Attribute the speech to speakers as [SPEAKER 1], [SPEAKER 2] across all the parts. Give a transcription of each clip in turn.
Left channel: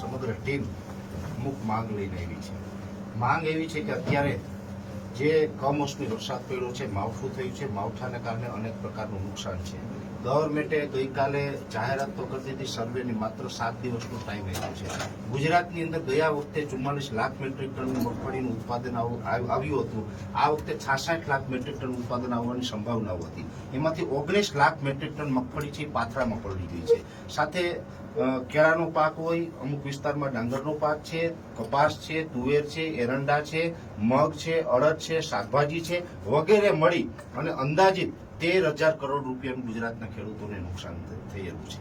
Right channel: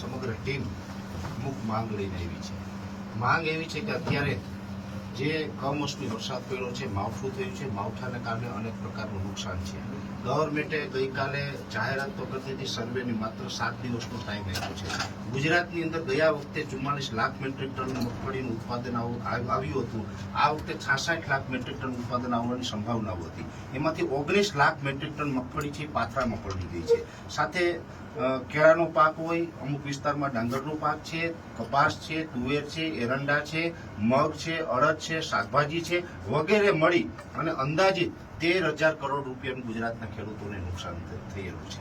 [SPEAKER 1] સમગ્ર ટીમ અમુક માંગ લઈને આવી છે. માંગ એવી છે કે અત્યારે જે કમોસમી વરસાદ પડ્યો છે, માવઠું થયું છે, માવઠાને કારણે અનેક પ્રકારનું નુકસાન છે. ગવર્મેન્ટે ગઈકાલે જાહેરાત તો કરી દીધી, સર્વેની માત્ર સાત દિવસનો ટાઈમ આપ્યો છે. ગુજરાતની અંદર ગયા વખતે ચુમ્માલીસ લાખ મેટ્રિક ટન મગફળીનું ઉત્પાદન આવ- આવ- આવ્યું હતું. આ વખતે છાસઠ લાખ મેટ્રિક ટન ઉત્પાદન આવવાની સંભાવનાઓ હતી. એમાંથી ઓગણીસ લાખ મેટ્રિક ટન મગફળી છે પાથરામાં પડી ગઈ છે. સાથે કેળાનો પાક હોય, અમુક વિસ્તારમાં ડાંગરનો પાક છે, કપાસ છે, તુવેર છે, એરંડા છે, મગ છે, અડદ છે, શાકભાજી છે, વગેરે મળી અને અંદાજિત તેર હજાર કરોડ રૂપિયાનું ગુજરાતના ખેડૂતોને નુકસાન થયેલું છે.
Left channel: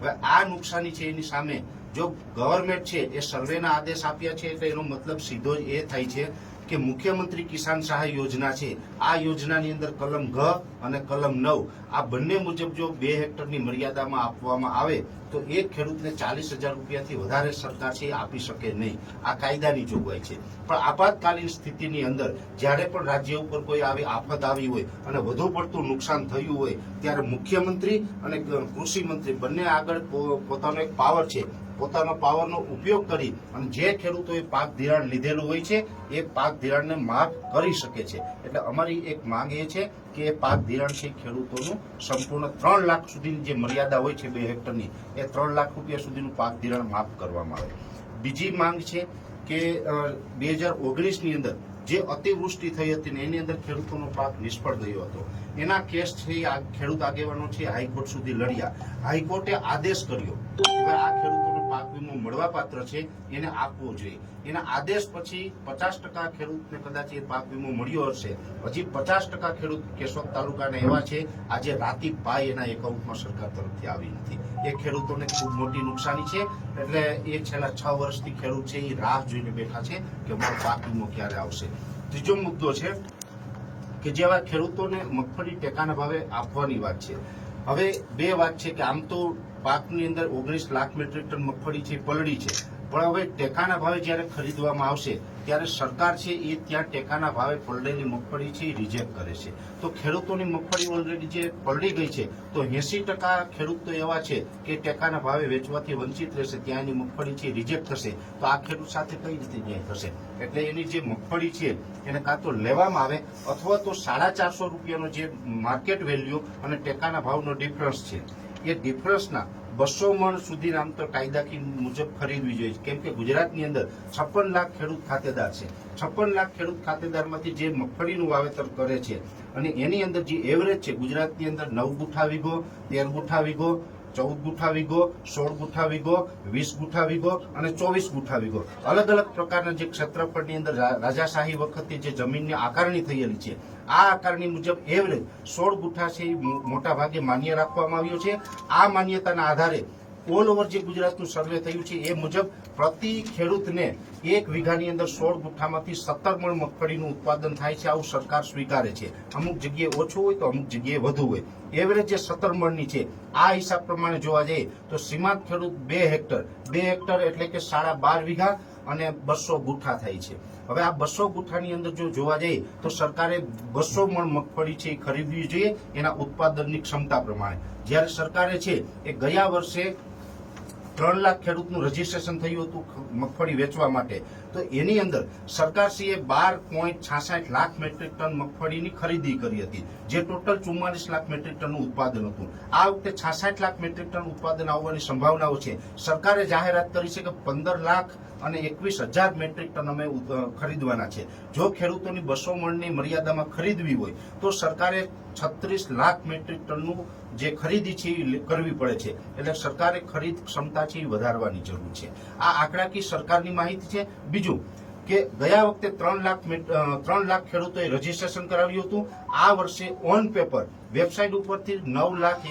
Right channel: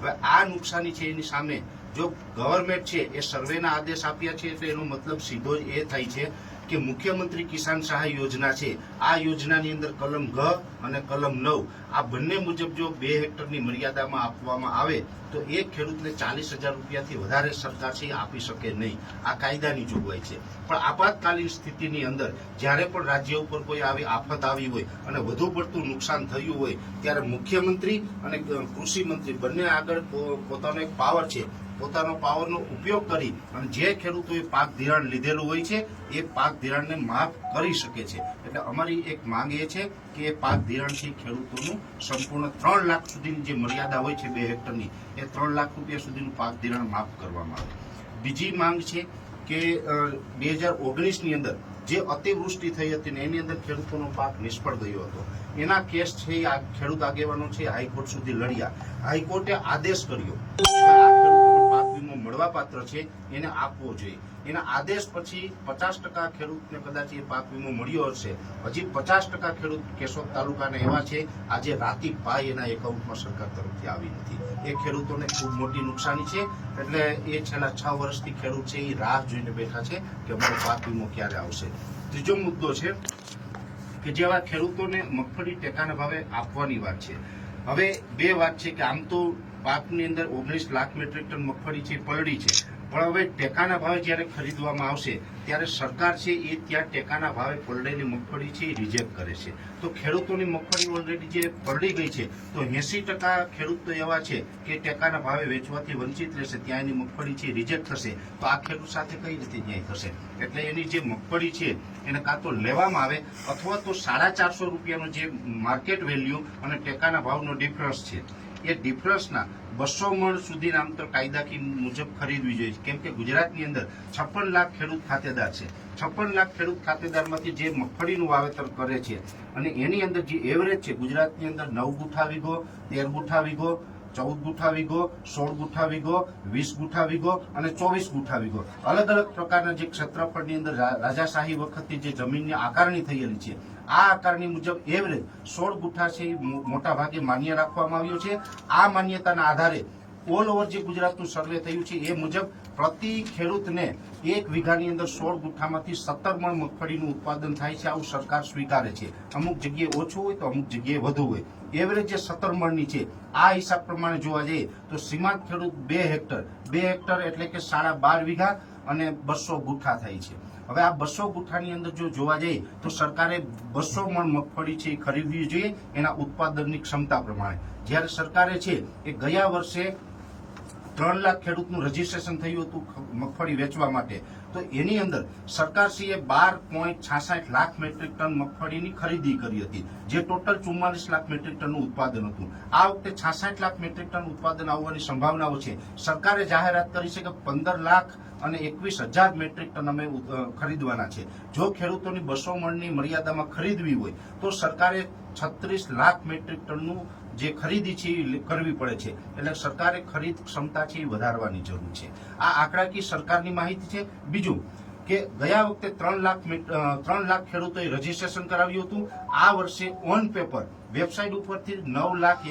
[SPEAKER 1] હવે આ નુકસાની છે એની સામે જો ગવર્મેન્ટ છે એ સર્વેના આદેશ આપ્યા છે એટલે એનો મતલબ સીધો જ એ થાય છે કે મુખ્યમંત્રી કિસાન સહાય યોજના છે. આ યોજનાની અંદર કલમ ઘ અને કલમ નવ, આ બંને મુજબ જો બે હેક્ટરની મર્યાદામાં આપવામાં આવે, તો એક ખેડૂતને ચાલીસ હજાર રૂપિયાથી વધારે સરકાર છે આપી શકે નહીં. આ કાયદાની જોગવાઈ છે. પણ આપાતકાલીન સ્થિતિની અંદર, જ્યારે પણ રાજ્ય ઉપર કોઈ આવી આફત આવી હોય અને વધુ પડતું નુકસાન થયું હોય, ત્યારે મુખ્યમંત્રી અને કૃષિ મંત્રી બંને આગળ પોતાનો એક પાવર છે. પોતાનો પાવરનો ઉપયોગ કરી અને જે ખેડૂતોએ પાક ધિરાણ લીધેલું હોય છે, એ પાક ધિરાણને માફ કરી શકે છે. એટલે અમારી એક માંગ એ છે કે એ પાક ધિરાણ છે ખેડૂતોનું સંપૂર્ણ ત્રણ લાખ સુધીની જે મર્યાદા હોય છે બે હેક્ટરની, એ ત્રણ લાખ રૂપિયા સુધીનું પાક ધિરાણ માફ કરવામાં આવે. બીજી માંગ છે કે બે હજાર ઓગણીસની અંદર જે અતિવૃષ્ટિ થઈ હતી ને એની અંદર ખેડૂતોનો પાક નિષ્ફળ ગયો હતો. એના કેસ છે ખેડૂત આગેવાનો છે હાઈકોર્ટ સુધી લડ્યા. હાઈકોર્ટે આદેશ કર્યો. આ ખેડૂત ખેડૂતોનો મળવાપાત્ર છે, એને આપવો જોઈએ. એના આદેશ પછી પચાસ ટકા ખેડૂતને કદાચ એ પાક વીમો મળ્યો હશે. હજી પચાસ ટકા ખેડૂત કેશોદ તાલુકાના એવા છે, આજે રાતી પાય એના એકાઉન્ટમાં સરકાર તરફથી આવી નથી. એ ખેડૂતોને ખૂબ મોટી નુકસાની છે, એટલે એ છેલ્લા છ વર્ષથી ખેડૂત છે, એ રાહ જોઈને બેઠા છે કે અમારો પાક વીમો ક્યારે આવશે. ત્રીજો મુદ્દો છે કે જેવા ખેડૂતોને મગફળી ટેકાના ભાવે આપવાની વાત છે. હવે બે વાત છે કે આમ તો પાકની અંદર ઓગણીસ લાખ મેટ્રિક ટન મગફળી છે, પલળી છે. પણ હવે ટેકાના ભાવે જ્યારે ખરીદવામાં આવશે, ત્યારે સરકાર છે એ ત્યાં ટેકાના ભાવે પલળેલી મગફળી છે એ રિજેક્ટ કરે છે. તો ખેડૂતોની મગફળી ઓલરેડી જે પલળી ગઈ છે, તો એસી ટકા ખેડૂત એવા છે કે ટેકાના ભાવે વેચવાથી વંચિત રહેશે ત્યાં એની મગફળી છે રિજેક્ટ થશે. તો આ ખેડૂત સાથે કઈ રીતે ન્યાય થશે? એટલે એની જે મગફળી છે, એને કાં તો લેવામાં આવે, અથવા તો સાડા ચારસો રૂપિયાનો જે માર્કેટ વેલ્યુ અને ટેકાના ભાવનો ડિફરન્સ છે. એ ડિફરન્સના બસો મણ સુધી આમ તો કાયદાકી મુજબ ખરીદવી જોઈએ કેમ કે ગુજરાતની અંદર છપ્પન લાખ ખેડૂત ખાતેદાર છે. છપ્પન લાખ ખેડૂત ખાતેદારમાંથી જે મગફળીનું વાવેતર કરે છે અને એની અંદર જે એવરેજ છે, ગુજરાતની અંદર નવ ગુઠા વીઘો, તેર ગુઠા વીઘો ચૌદ ગુઠા વીઘો સોળ ગુઠા વીઘો વીસ ગુઠા વીઘો અને ચોવીસ ગુઠા વીઘો અલગ અલગ પ્રકારના જે ક્ષેત્રફળની અંદર રાજાશાહી વખતે જે જમીનની આકારણી થયેલી છે, આ આકારણી મુજબ એવરેજ સોળ ગુઠા છે મોટા ભાગે માન્ય રાખવામાં આવ્યો છે. આ માન્યતાના આધારે ઓલ ઓવર જે ગુજરાતનું સર્વે થયું છે એ મુજબ પ્રતિ ખેડૂતને એક વીઘાની અંદર સોળ ગુઠ્ઠામાંથી સત્તર મણ મગફળીનું ઉત્પાદન થાય છે. આવું સરકાર સ્વીકારે છે. અમુક જગ્યાએ ઓછું હોય તો અમુક જગ્યાએ વધુ હોય. એવરેજ જે સત્તર મણની છે, આ હિસાબ પ્રમાણે જોવા જઈએ તો સીમાંત ખેડૂત બે હેક્ટર બે હેક્ટર એટલે કે સાડા બાર વીઘા અને બસો ગુઠ્ઠા થાય છે. હવે આ બસો ગુઠ્ઠાની અંદર જો જોવા જઈએ તો સરકારે બસો મણ મગફળી છે એ ખરીદવી જોઈએ એના ઉત્પાદનની ક્ષમતા પ્રમાણે. જ્યારે સરકારે છે એ ગયા વર્ષે ત્રણ લાખ ખેડૂતનું રજીસ્ટ્રેશન થયું હતું મગફળી વેચવા માટે. તો એની અંદર સરકારશ્રીએ બાર પોઈન્ટ છાસઠ લાખ મેટ્રિક ટન મગફળીની ખરીદી કરી હતી, જે ટોટલ ચુમ્માલીસ લાખ મેટ્રિક ટનનું ઉત્પાદન હતું. આ વખતે છાસઠ લાખ મેટ્રિક ટન ઉત્પાદન આવવાની સંભાવનાઓ છે. સરકારે જાહેરાત કરી છે કે પંદર લાખ અને એકવીસ હજાર મેટ્રિક ટન અમે ખરીદવાના છે. જો ખેડૂતોની બસો મણની મર્યાદામાં ખરીદવી હોય, તો સરકારે છત્રીસ લાખ મેટ્રિક ટનનું જે ખરીદી છે એ કરવી પડે છે. એટલે સરકારે ખરીદ ક્ષમતા છે એ વધારવાની જરૂર છે. આ આંકડાકીય સરકારની માહિતી છે. બીજું કે ગયા વખતે ત્રણ લાખ ત્રણ લાખ ખેડૂતોએ રજીસ્ટ્રેશન કરાવ્યું હતું. આ વર્ષે ઓન પેપર વેબસાઇટ ઉપરથી નવ લાખ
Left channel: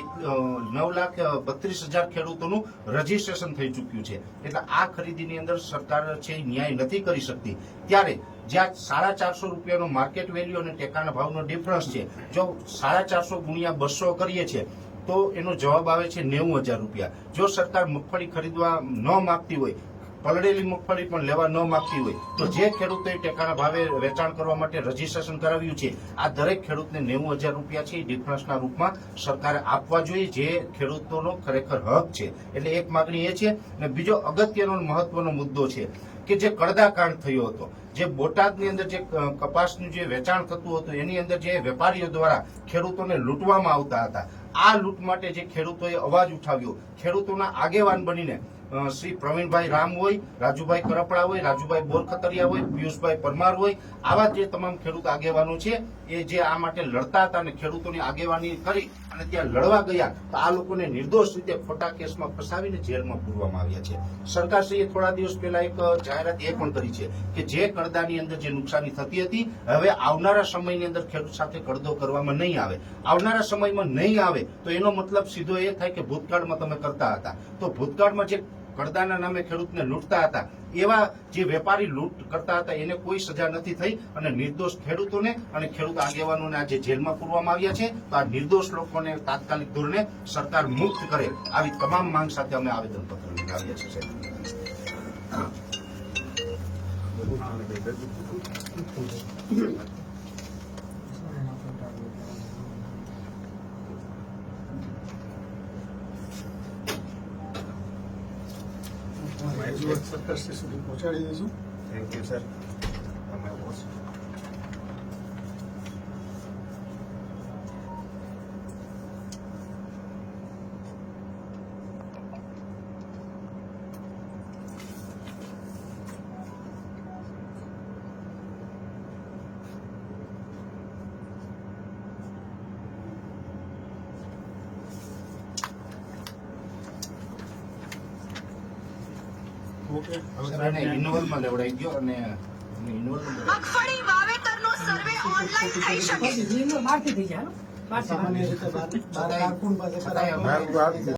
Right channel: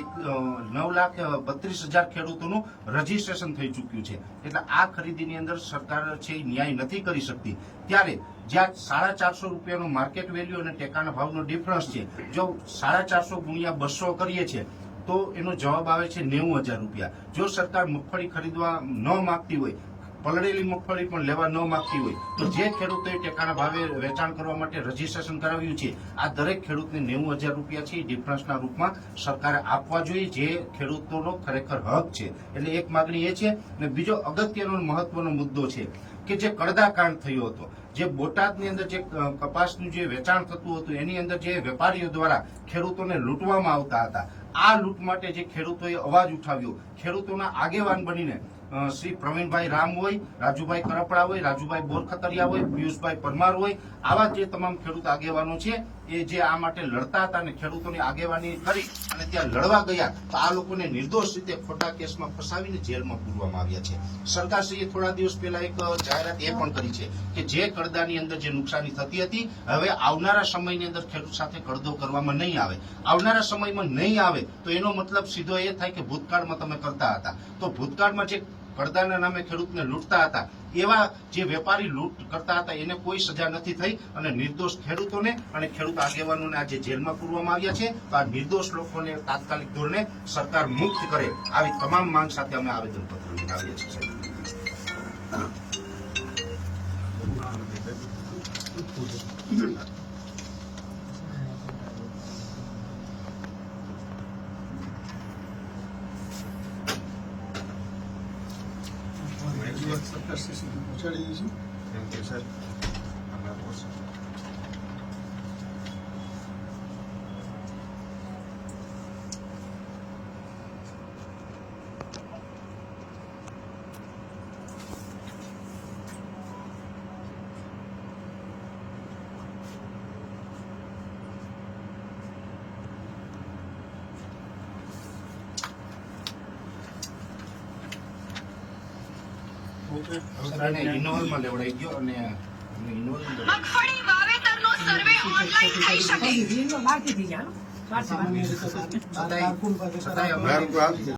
[SPEAKER 1] નવ લાખ બત્રીસ હજાર ખેડૂતોનું રજીસ્ટ્રેશન થઈ ચૂક્યું છે. એટલે આ ખરીદીની અંદર સરકાર છે એ ન્યાય નથી કરી શકતી. ત્યારે જ્યાં સાડા ચારસો રૂપિયાનો માર્કેટ વેલ્યુ અને ટેકાના ભાવનો ડિફરન્સ છે, જો સાડા ચારસો ગુણ્યા બસો કરીએ છીએ તો એનો જવાબ આવે છે નેવું હજાર રૂપિયા. જો સરકાર મગફળી ખરીદવા ન માગતી હોય, પલળેલી મગફળી પણ લેવા ન માગતી હોય, તો જે ખેડૂતોએ ટેકાના ભાવે વેચાણ કરવા માટે રજીસ્ટ્રેશન કરાવ્યું છે, આ દરેક ખેડૂતને નેવું હજાર રૂપિયા છે ડિફરન્સના રૂપમાં સરકારે આપવા જોઈએ જે ખેડૂતોનો ખરેખર હક છે. એટલે એક માગણી એ છે અને બીજો અગત્યનો મહત્વનો મુદ્દો છે કે જે કડદાકાંડ થયો હતો, જે બોટાદની અંદર જે કપાસનું જે વેચાણ થતું હતું, એની અંદર જે વેપારીઓ દ્વારા ખેડૂતોને લૂંટવામાં આવતા હતા આ લૂંટ માટે જે ખેડૂતોએ અવાજ ઉઠાવ્યો, ખેડૂતોના આગેવાન બનીને શ્રી પ્રવીણભાઈ રામ હોય, રાજુભાઈ કરપડા હોય, રાજુભાઈ બોરખતરિયા હોય, પિયુષભાઈ પરમાર હોય, આવા જે તમામ ખેડૂત આગેવાનો છે, એ જે આ માટે લડતા હતા અને ખેડૂતોની આગેવાની કરી અને ત્યાં લડવા ગયા, તો આ લોકોને નિર્દોષ રીતે ખોટા કેસમાં ફસાવીને જેલમાં પૂરવામાં આવ્યા છે. સરકારશ્રીએ થોડા દિવસ પહેલા એક જાહેરાત એ પણ કરી છે કે જે કરદાની અંદર જે નુકસાની થતી હતી, હવે આવનારા સમયની અંદર ખેડૂત સાથે કડદો કરવામાં નહીં આવે. આવનારા સમયમાં નહીં આવે તો એનો મતલબ સીધો એ થાય કે ભૂતકાળમાં તમે કરતા હતા. તો ભૂતકાળમાં જે પડદાના નામે ખેડૂતને લૂંટતા હતા, એવા જે વેપારી લૂંટ કરતા હતા, એને કોઈ સજા નથી થઈ અને નિર્દોષ ખેડૂતોને અને ખેડૂત આગેવાનોને આજે જેલમાં પૂરવામાં આવ્યા છે. તો આ નિર્દોષ લોકોને તાત્કાલિક ધોરણે સરકાર મુક્ત કરે આવી તમામ માંગ સાથે અમે આવેદનપત્ર લઈને આવ્યા છીએ, સાહેબ.
[SPEAKER 2] સરકારશ્રી સુધી પહોંચાડી દઈશું
[SPEAKER 1] થેન્ક યુ સર ઇનોવલમાં લેવડાઈ ગયો અને
[SPEAKER 3] મગફળી વાવેતરનો સર્વે ઓનલાઈન થઈ શકે?
[SPEAKER 1] છતાંય- છતાંય અમારી-